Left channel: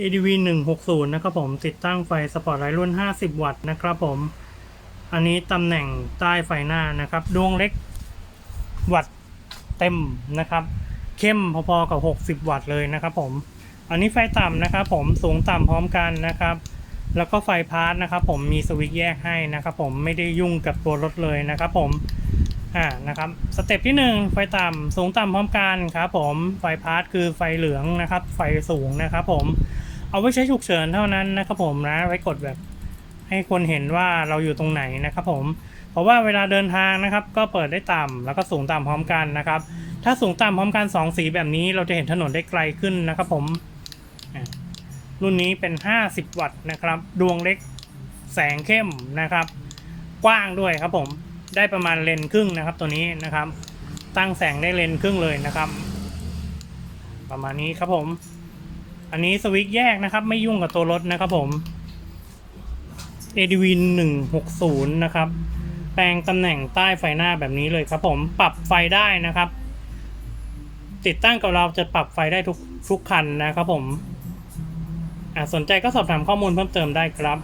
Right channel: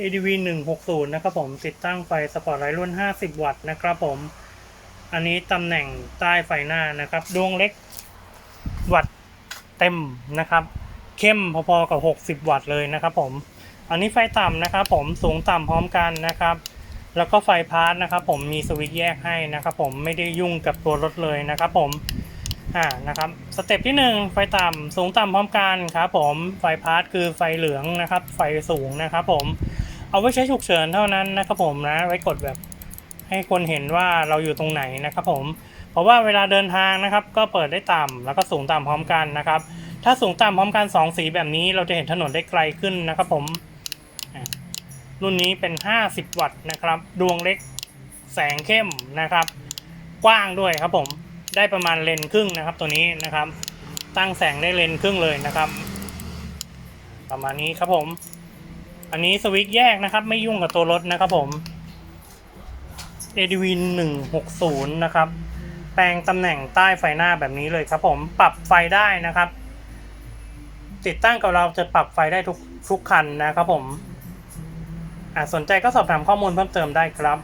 ADV 160 นะครับผมติดตั้งไฟสปอร์ตไลท์รุ่น 50 วัตต์นะครับผม อันนี้ตำแหน่งใต้ไฟหน้านะครับ ดวงเล็กวัตต์เต็มนะครับ เข้มพอๆกับ 60 วัตต์เลยนะครับผม อันนี้ไฟต่ำนะครับผมสูงต่ำพร้อมกันนะครับ แล้วก็ไฟพาร์ทนะครับผมมีสวิตช์แยกให้นะครับผมไม่ได้ยุ่งกับตัวรถเลยนะครับผมอ่านะครับสเต็ปที่ 1 ไฟต่ำสูงต่ำพร้อมกันครับผมไฟพาร์ทคือไฟเหลืองนะครับ ไฟสูงนะครับผม เอาไว้ใช้ฉุกเฉินเท่านั้นนะครับผมนะ ไว้กดแบบให้คนเห็นว่าเราอยู่ตรงไหนนะครับผม เพราะว่าเวลาเดินทางนะครับ ก็เปิดได้ต่ำแล้วก็สูงต่ำพร้อมกันนะครับ ถ้าสูงต่ำพร้อมกัน 2 สีแบบนี้เราจะเห็นถนนได้ไกลขึ้นนะครับผม รุ่นนี้เป็น 50 วัตต์นะครับ ดวงเล็กแสงเข้มนะครับ กว้างด้วยครับผมได้ประมาณเลนครึ่งนะครับ ตัวนี้นะครับ ตั้งแสงได้เลนครึ่งเลยนะครับ ประมาณนี้ครับผม อันนี้สวิตช์แยกนะครับ ไม่ยุ่งกับตัวรถนะครับผม ADV 160 นะครับ แปลงตำแหน่งใต้ไฟหน้าแบบนี้เลยครับผมปรับไฟได้นะครับ ติดตั้งกับเราจะปรับไฟได้ทุกทุกคันนะครับผม อ่าสนใจก็สอบถามข้อมูลเพิ่มเติมได้ครับ